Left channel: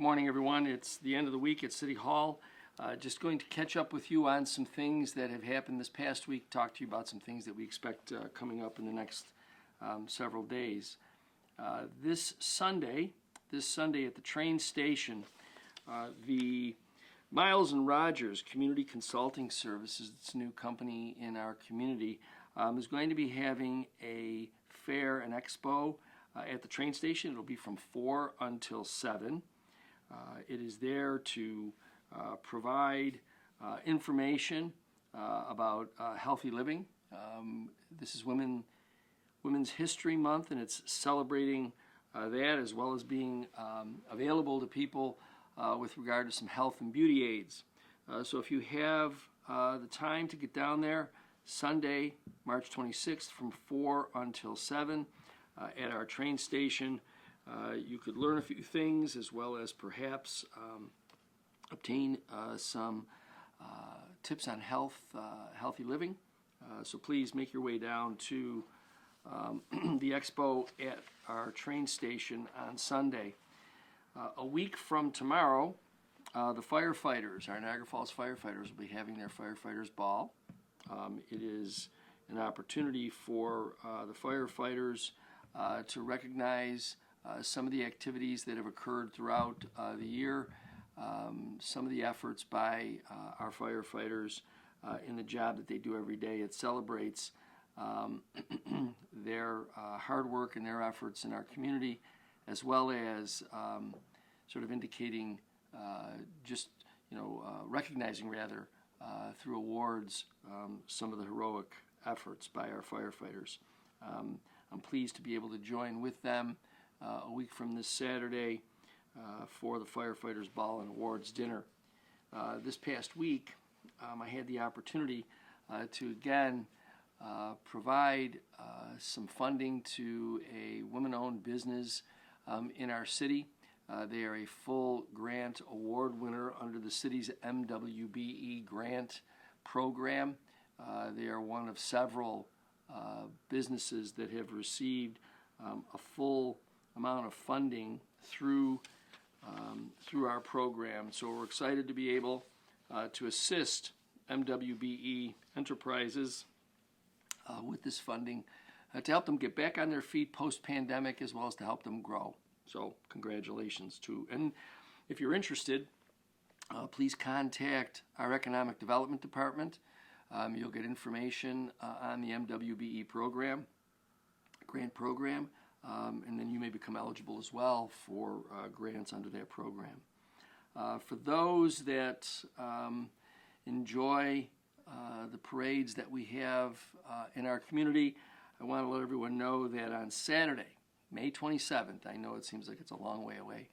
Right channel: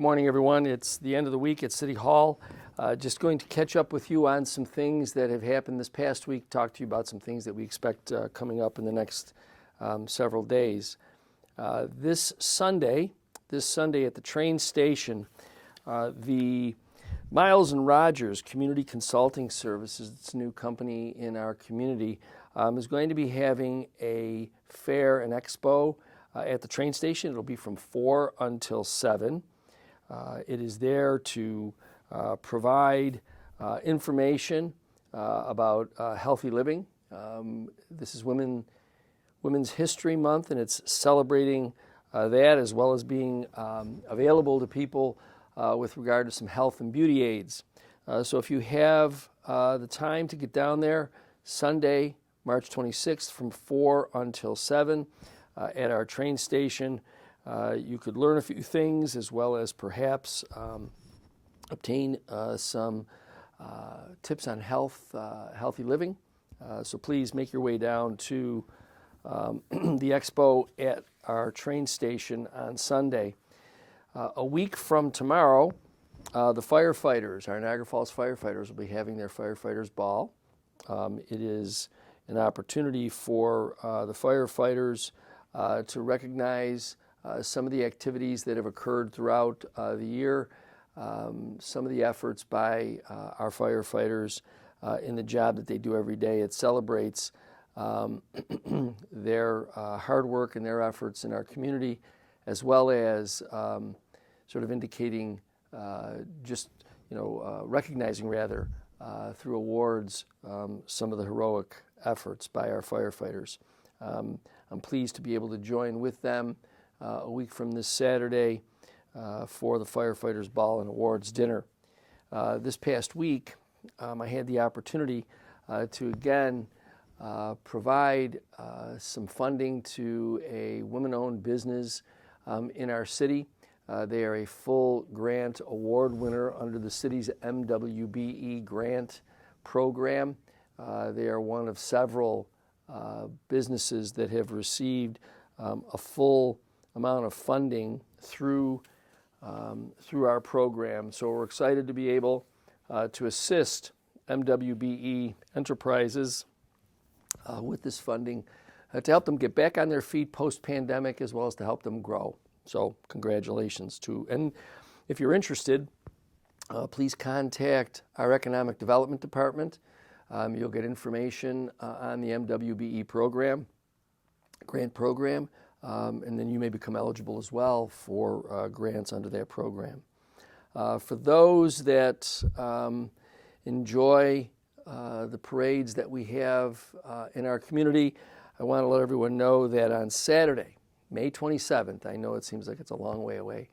Good morning, everyone. It's the end of the week at City Hall. Just going to catch up with you on some things that have happened this past week, talk to you about some things that we expect coming up in the next several days. This Sunday at the train station, the Miles and Rogers Community Consulting Services, it's a new company in our community, is going to be having a fair and expo at the train station. It'll be from 4 until 7. It is there to provide information about healthy living. This is Women's History Month, and it's celebrating that, as well as being available to people with regard to some health and beauty aids. So if you have the time to get down there, Sunday, March 26th from 4 until 7 at our train station, you could learn a few things, as well as perhaps obtain some tips on healthy living. So please make your way down to the expo at our train station on Sunday. A week from tomorrow, the firefighters, our Niagara Falls firefighters, will be having their firefighters ball. It is an opportunity for the firefighters to recognize some of the activities that have occurred throughout the year, some of the efforts by our firefighters in the job that they do every day. It celebrates their hard work and their efforts in our community, as well as sort of indicating recognizing rather through awards some of the heroic efforts by our firefighters. I'm pleased to be able to join with them a week from this Saturday for the Firefighters Ball and Awards Dinner. This past week, I had the opportunity to again provide some funding to a women-owned business in our city. They are a full grant award winner under the city's MWBE grant program. They are one of several businesses that have received a full amount of funding through our program. So we're excited to be able to assist MWBE enterprises with this funding to help them get back on their feet post-pandemic, as well as to help them grow. So congratulations to, and if you're interested, please contact our Economic Development Department. You'll get information on the MWBE program, grant program, and then you may become eligible as well for grants under that program. For those that enjoy the parades that we have in our community, I want to let everyone know that on Saturday, May 27th, I know it seems like it's a long way away,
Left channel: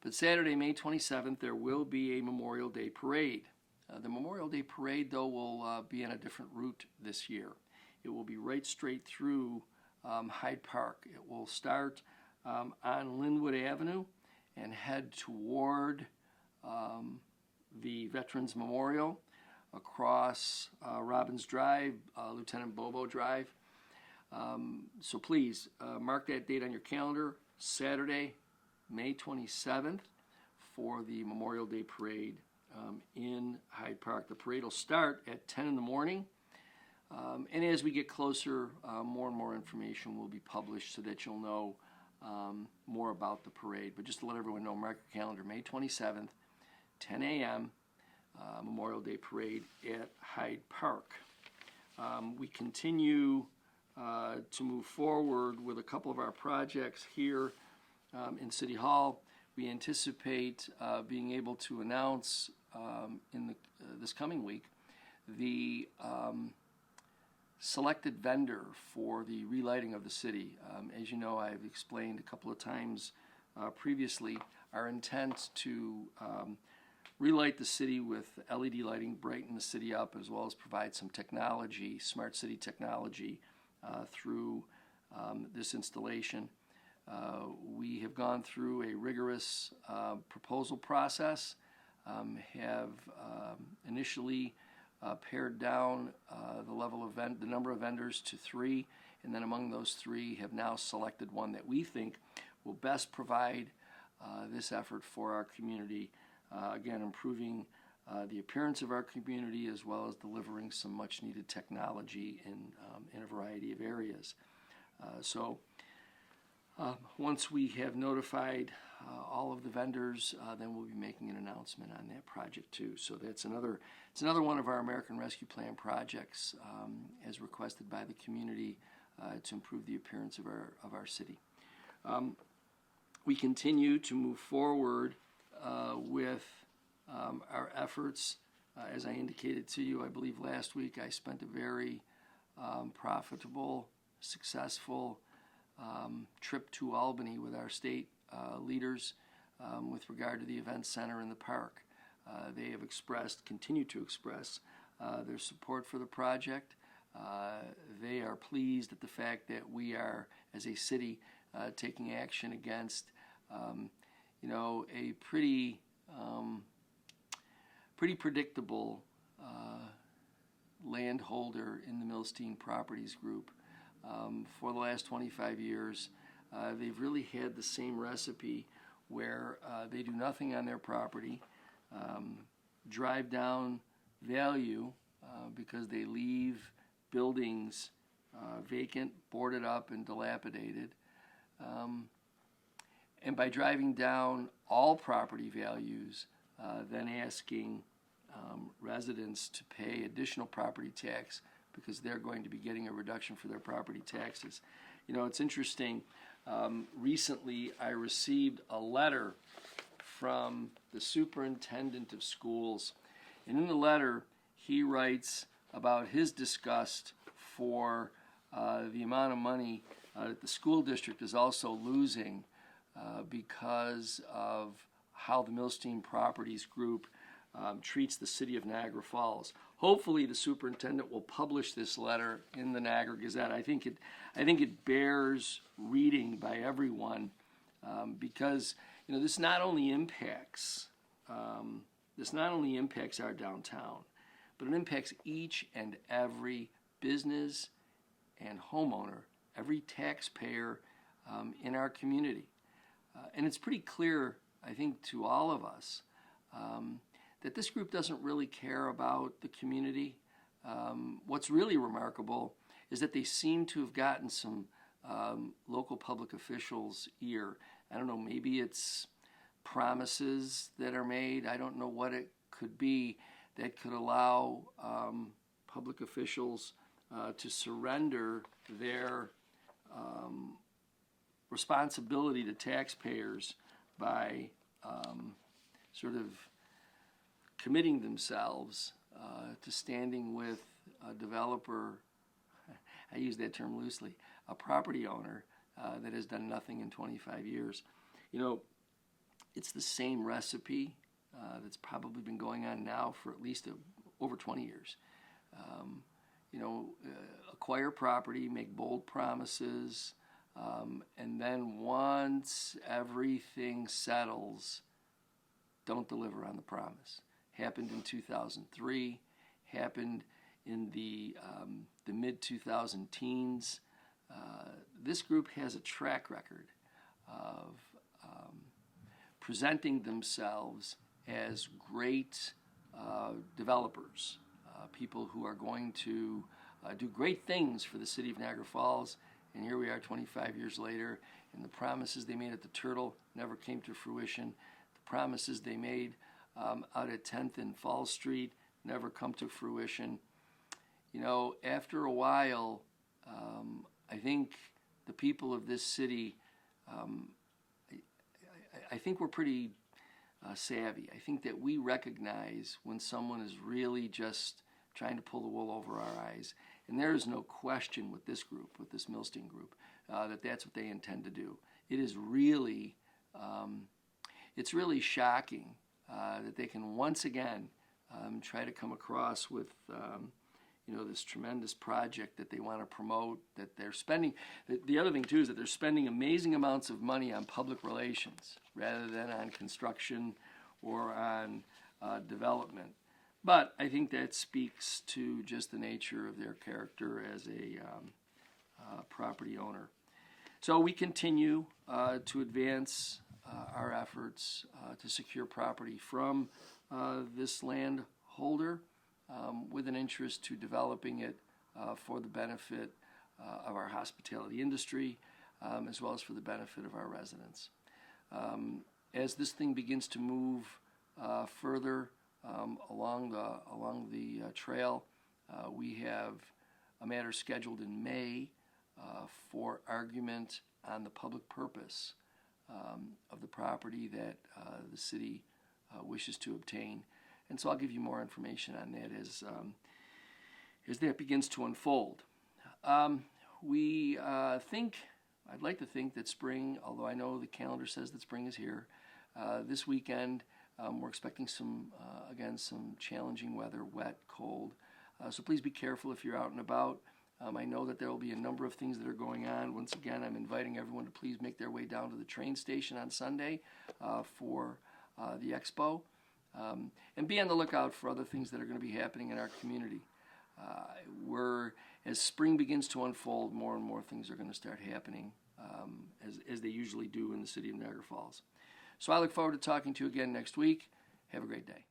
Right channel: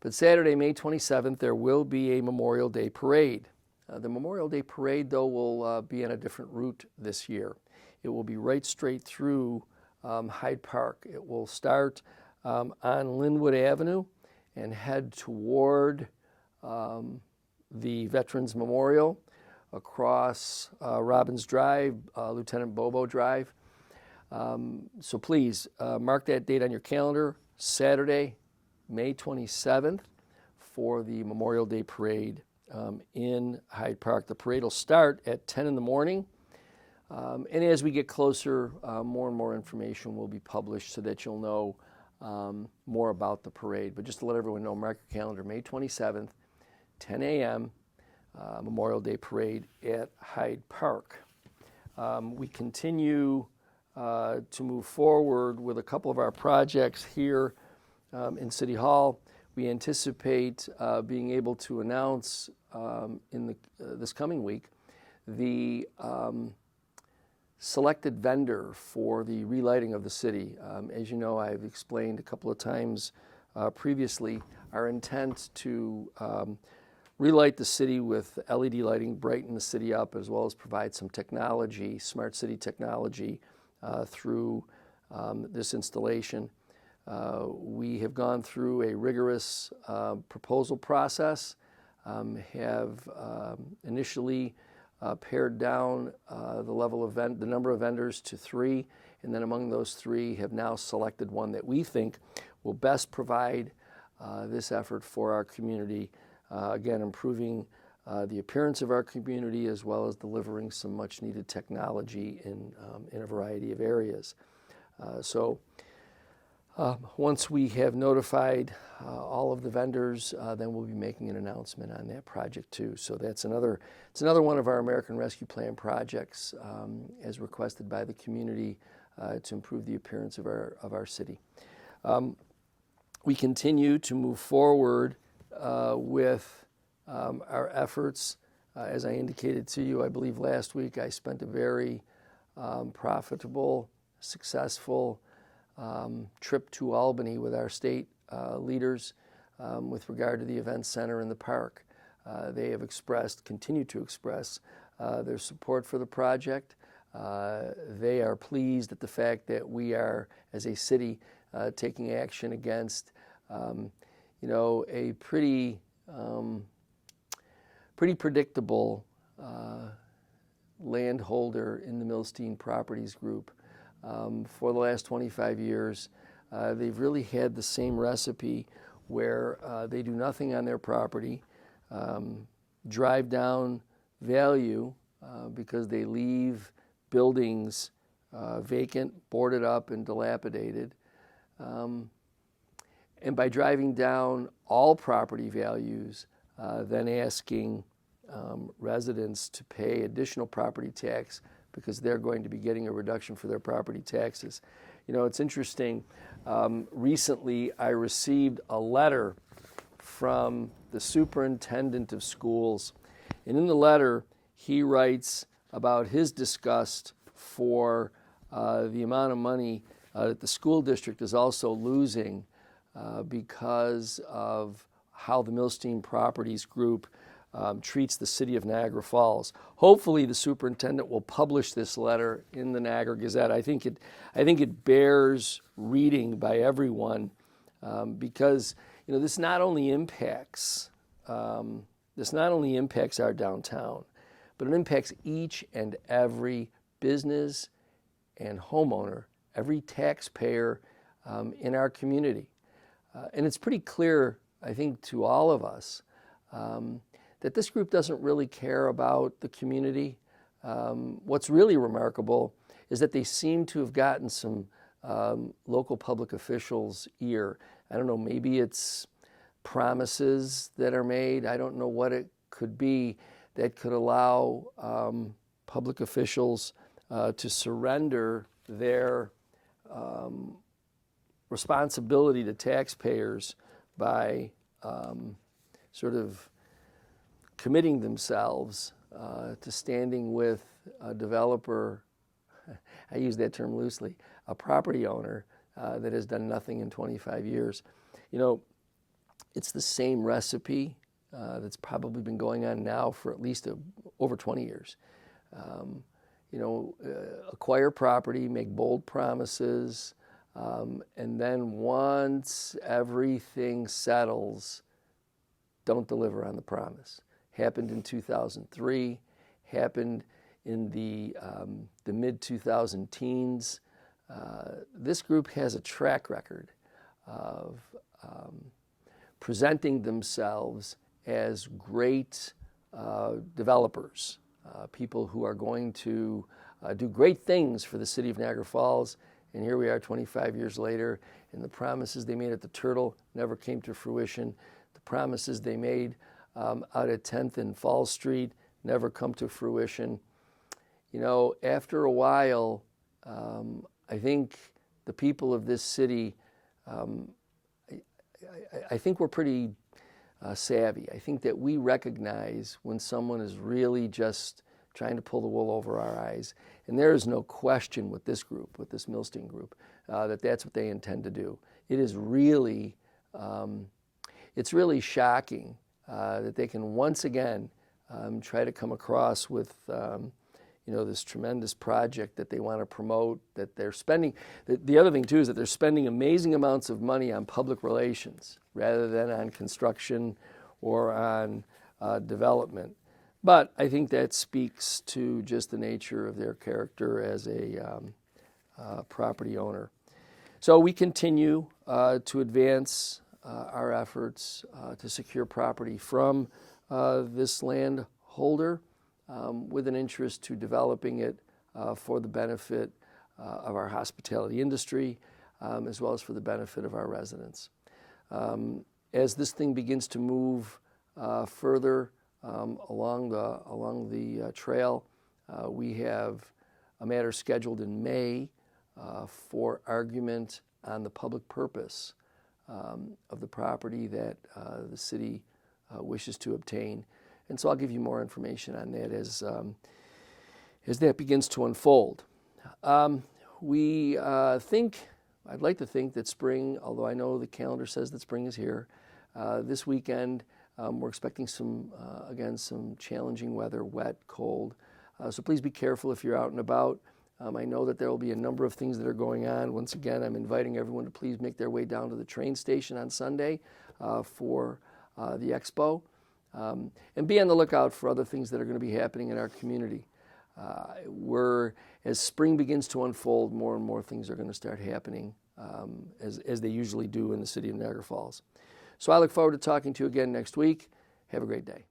but Saturday, May 27th, there will be a Memorial Day parade. The Memorial Day parade, though, will be on a different route this year. It will be right straight through Hyde Park. It will start on Linwood Avenue and head toward the Veterans Memorial across Robbins Drive, Lieutenant Bobo Drive. So please mark that date on your calendar, Saturday, May 27th, for the Memorial Day Parade in Hyde Park. The parade will start at 10 in the morning, and as we get closer, more and more information will be published so that you'll know more about the parade. But just to let everyone know, mark your calendar, May 27th, 10 a.m., Memorial Day Parade at Hyde Park. We continue to move forward with a couple of our projects here in City Hall. We anticipate being able to announce in this coming week the selected vendor for the relighting of the city. As you know, I've explained a couple of times previously our intent to relight the city with LED lighting, brighten the city up, as well as provide some technology, smart city technology, through this installation. We have gone through a rigorous proposal process, have initially pared down the number of vendors to 3, and then among those 3 have now selected one that we think will best provide this effort for our community, again, improving the appearance of our community as well as delivering some much needed technology in a variety of areas. Once we have notified all of the vendors, then we'll be making an announcement on that project too. So it's another one of our American Rescue Plan projects as requested by the community to improve the appearance of our city. We continue to move forward with our efforts. As I indicated to you, I believe last week I spent a very profitable, successful trip to Albany with our state leaders with regard to the event center in the park. They have continued to express their support for the project. They are pleased at the fact that we are, as a city, taking action against, a pretty predictable landholder in the Milstein Properties Group. For the last 25 years, they've really had the same recipe where they do nothing on their property, drive down value because they leave buildings vacant, boarded up, and dilapidated. And by driving down all property values, then asking residents to pay additional property tax because they're going to be getting a reduction for their property taxes. It's interesting. Recently, I received a letter from the superintendent of schools, and in the letter, he writes about his disgust for the amount of money that the school district is also losing because of how the Milstein Properties Group treats the city of Niagara Falls. Hopefully, the superintendent will publish this letter in the Niagara Gazette. I think it bears reading by everyone because this not only impacts our downtown, but it impacts each and every business and homeowner, every taxpayer in our community. And it's pretty clear, I think, to all of us that this group doesn't really care about the community. What's really remarkable is that they seem to have gotten some local public officials' ear. I don't know, maybe it's promises that are made. I don't know what it could be that could allow public officials to surrender their responsibility to taxpayers by sort of committing themselves to standing with a developer, I use that term loosely, a property owner that has done nothing in 25 years. It's the same recipe that's probably been going on now for at least over 20 years. Acquire property, make bold promises, and then once everything settles, don't deliver on the promise. Happened in 2003, happened in the mid-2000 teens. This group has a track record of presenting themselves as great developers, people who are going to do great things for the city of Niagara Falls. And here we are 25 years later, and the promises they made at the Turtle never came to fruition. The promises they made out at 10th and Fall Street never come to fruition. After a while, I think the people of this city, I think we're pretty savvy. I think that we recognize when someone is really just trying to pull the wool over our eyes. And there is no question with this group, with this Milstein group, that that's what they intend to do. It is really, it's really shocking that they can once again try to come across with, this tremendous project that they want to promote, that they're spending. The other thing, too, is that they're spending amazing amounts of money on public relations rather than on construction or on development. But I think that speaks to just the nature of their character as a property owner. So we continue to advance our efforts to secure property from this landholder with an interest to developing it for the benefit of our hospitality industry, as well as for the benefit of our residents. As this thing begins to move further along the trail, we have a matter scheduled in May for argument on the public purpose of the property that the city wishes to obtain. And so I'll give you more information on that as that begins to unfold. I'd like to think that spring, although I know the calendar says that spring is here, this weekend we're expecting some challenging weather, wet, cold. So please be careful if you're out and about. I know that there will be a number of things that are going on. Once again, I'm inviting everyone to please make their way down to the train station on Sunday for the expo. And be on the lookout for other things that are going to be happening in our community. As spring begins to unfold, more and more things are going to start happening as they usually do in the city of Niagara Falls. So I look forward to talking to you again next week. Have a great day.